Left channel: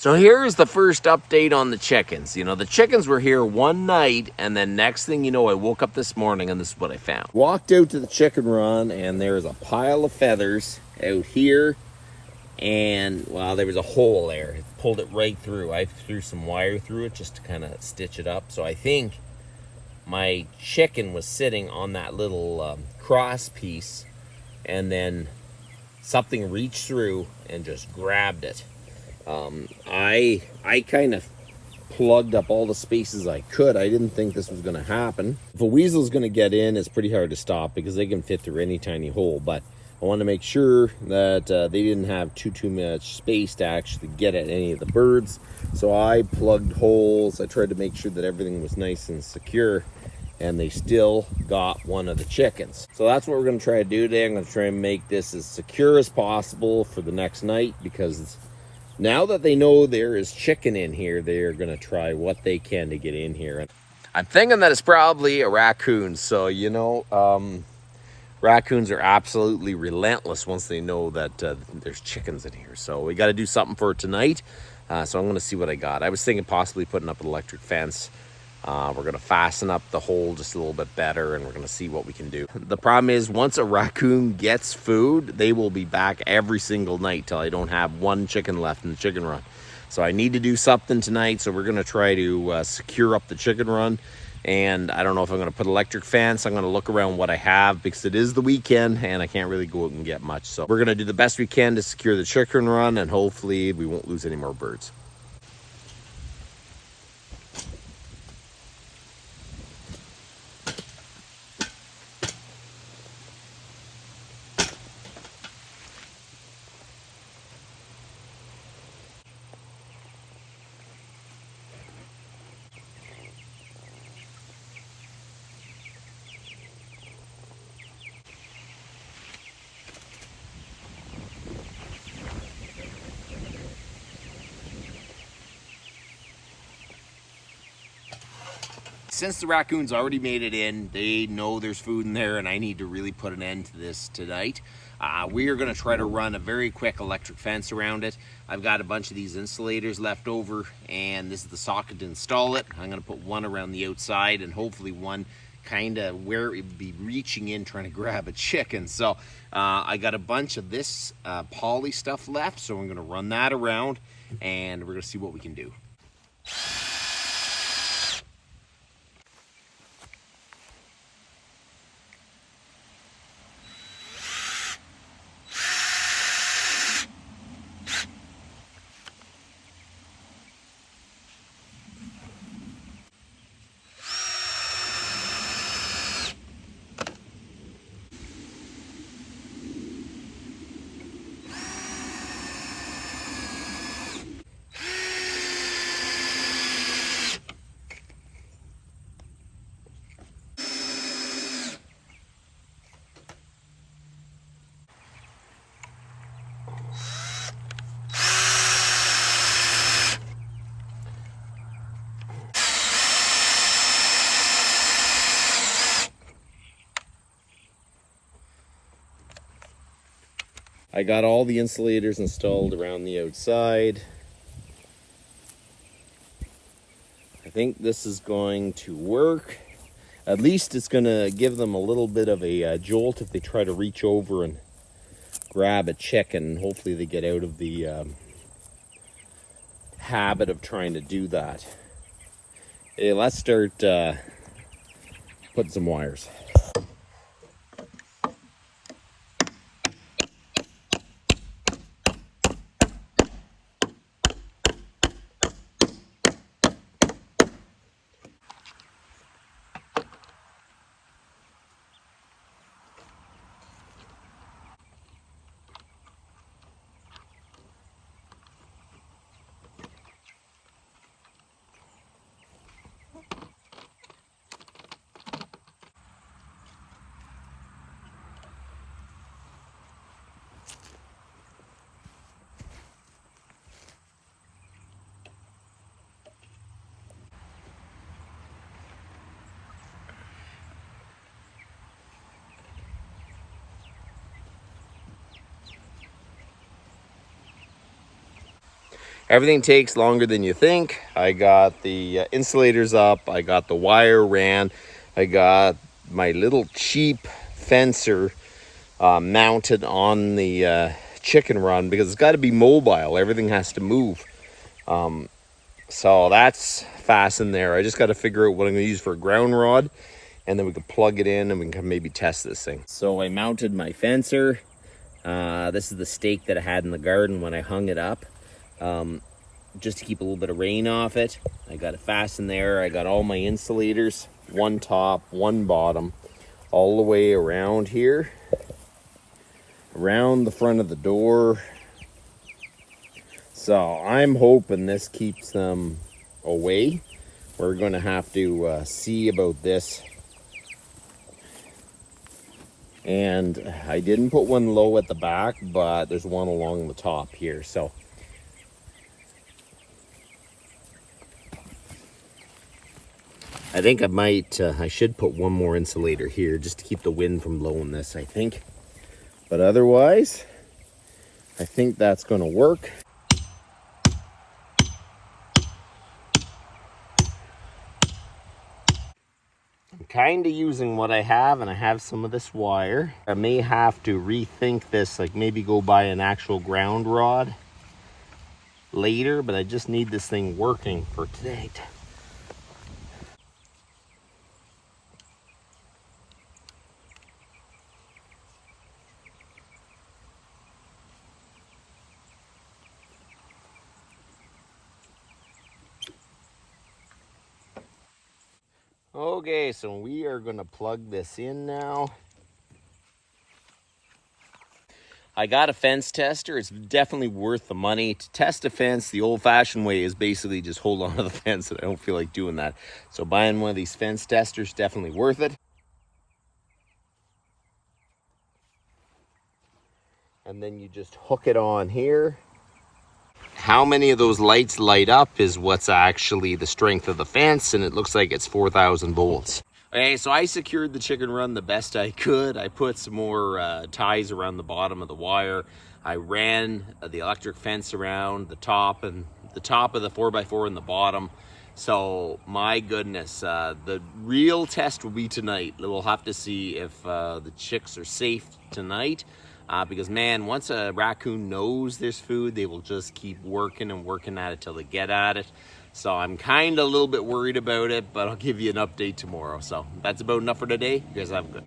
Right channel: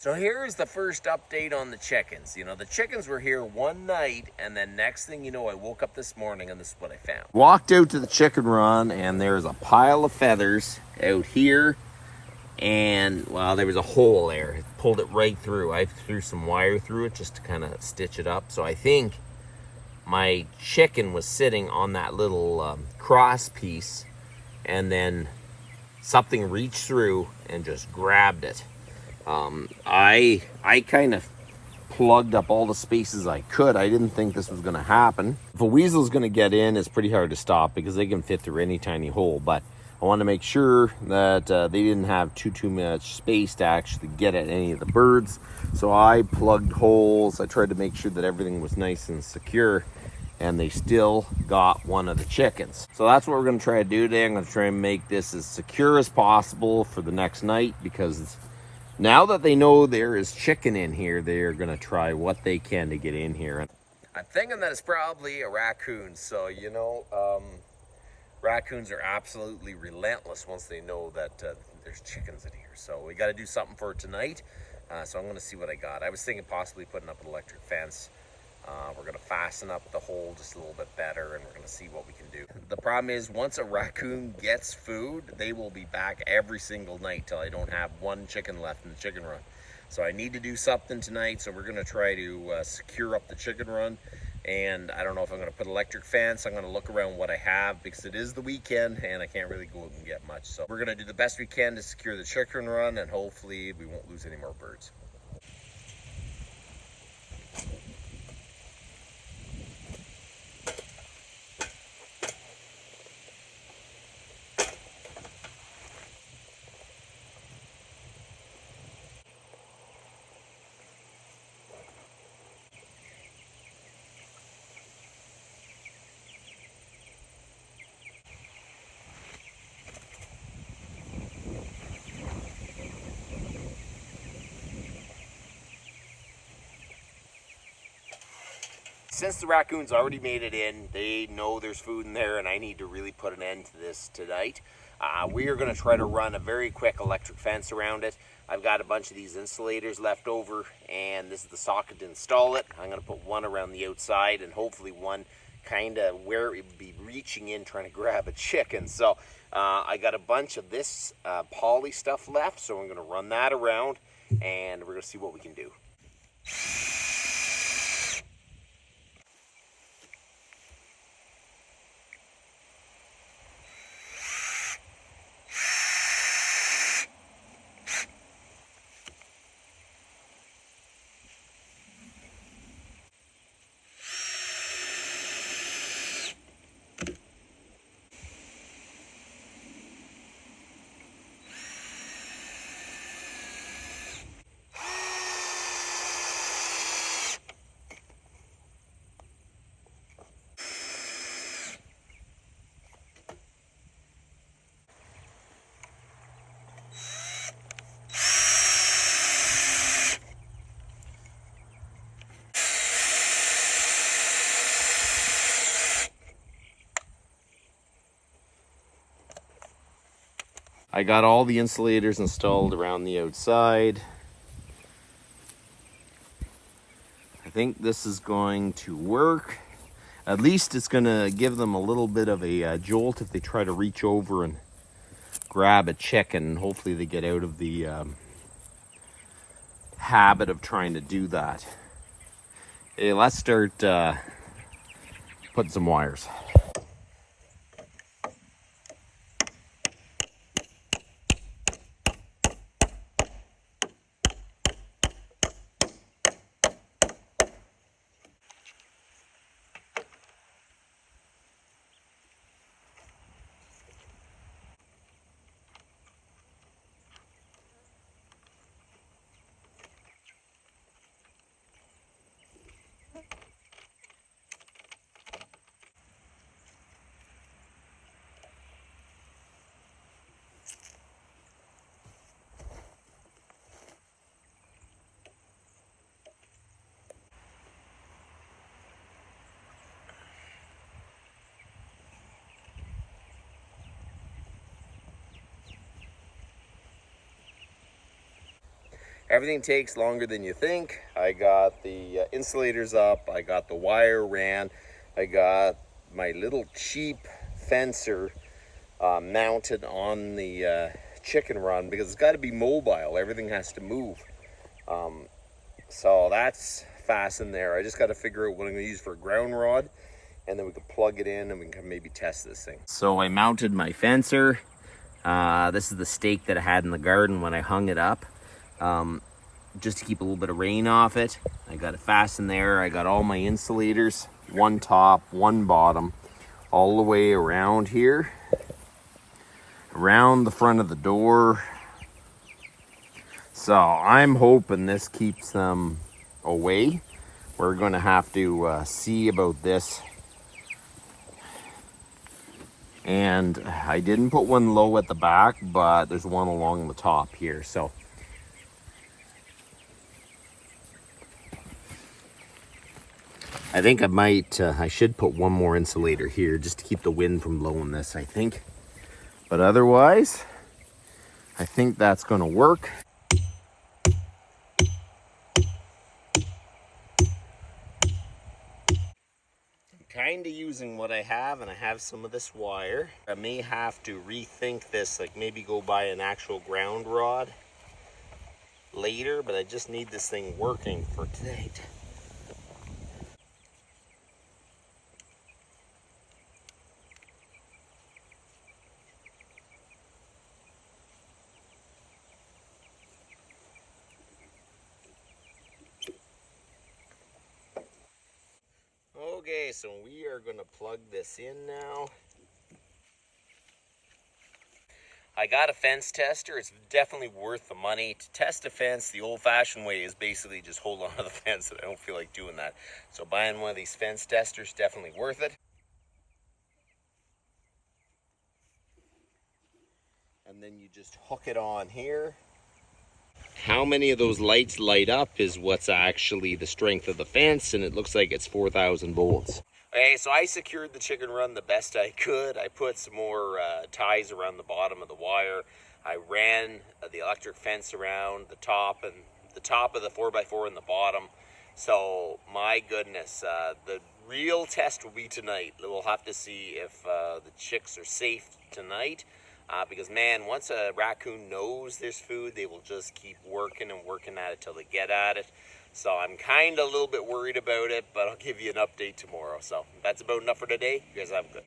So here's the first update on the chickens. You know, the chickens were here one night, and then next thing you know, I woke up this morning and this is what I found. Walked out to the chicken run, and there's a pile of feathers out here, and well, there was a hole there. It pulled it right through. I threw some wire through it just to kind of stitch it up. So I think my chicken was sitting on that little cross piece, and then something reached through and just grabbed it. I kind of plugged up all the spaces I could. I didn't think this was going to happen. If a weasel's going to get in, it's pretty hard to stop because they can fit through any tiny hole. But I want to make sure that they didn't have too much space to actually get at any of the birds. So I plugged holes. I tried to make sure that everything was nice and secure, and they still got one of the chickens. So that's what we're going to try to do today. I'm going to try and make this as secure as possible for the next night, because now that they know there is chicken in here, they're going to try what they can to get in here. I'm thinking that it's probably a raccoon. So, you know, raccoons are absolutely relentless once they know that there's chickens in here. So we got to do something for tonight. So I'm going to see what I got. I was thinking possibly putting up an electric fence. We're going to fasten up the hole just a little bit better, and we're going to see what we can do. The problem is, once a raccoon gets food, they will be back every single night till I don't have one chicken left in the chicken run. So I need to do something tonight. So we're going to try to secure up the chicken run. And I don't know if I'm going to put electric fence. I'm going to look around what I have, because it is the weekend and I can't really go out and get much. So we're going to do the best we can to secure the chicken run, and hopefully we won't lose any more birds. Since the raccoons already made it in, they know there's food in there, and I need to really put an end to this tonight. We are going to try to run a very quick electric fence around it. I've got a bunch of these insulators left over, and this is the socket to install it. I'm going to put one around the outside, and hopefully one kind of where it would be reaching in trying to grab a chicken. So I got a bunch of this poly stuff left, so I'm going to run that around, and we're going to see what we can do. I got all the insulators installed around the outside. I think this is going to work. At least it's going to give them a little bit of a jolt if they try to reach over and grab a chicken. Hopefully they get out of the habit of trying to do that. Okay, let's start putting some wires. Everything takes longer than you think. I got the insulators up, I got the wire ran, I got my little cheap fencer mounted on the chicken run because it's got to be mobile. Everything has to move. So that's fastened there. I just got to figure out what I'm going to use for a ground rod, and then we can plug it in and we can maybe test this thing. So I mounted my fencer. This is the stake that I had in the garden when I hung it up, just to keep a little bit of rain off it. I got it fastened there. I got all my insulators, one top, one bottom, all the way around here, around the front of the door. So I'm hoping this keeps them away. We're going to have to see about this. And I didn't put one low at the back, but there's one along the top here. So I think I should put one more insulator here just to keep the wind from blowing this, I think. But otherwise, I think that's going to work. Kind of using what I have, and I have some of this wire. I may have to rethink this, like maybe go buy an actual ground rod later, but I just need this thing working for today. Okay, so we are going to plug this in now. I got a fence tester. It's definitely worth the money. To test a fence, the old-fashioned way is basically just hold on to the fence, and I don't feel like doing that. So buying one of these fence testers, definitely worth it. And then you just hook it on here. How many of those lights light up is what's actually the strength of the fence, and it looks like it's 4,000 volts. Okay, so I secured the chicken run the best I could. I put some more ties around the bottom of the wire. I ran the electric fence around the top and the top of the 4x4 and the bottom. So my goodness, the real test will be tonight. We'll have to see if the chicks are safe tonight. Because man, once a raccoon knows there's food, they will just keep working and working at it till they get at it. So I'm kind of a little bit worried about it, but I'll give you an update tomorrow. So that's about enough for today. You guys have a good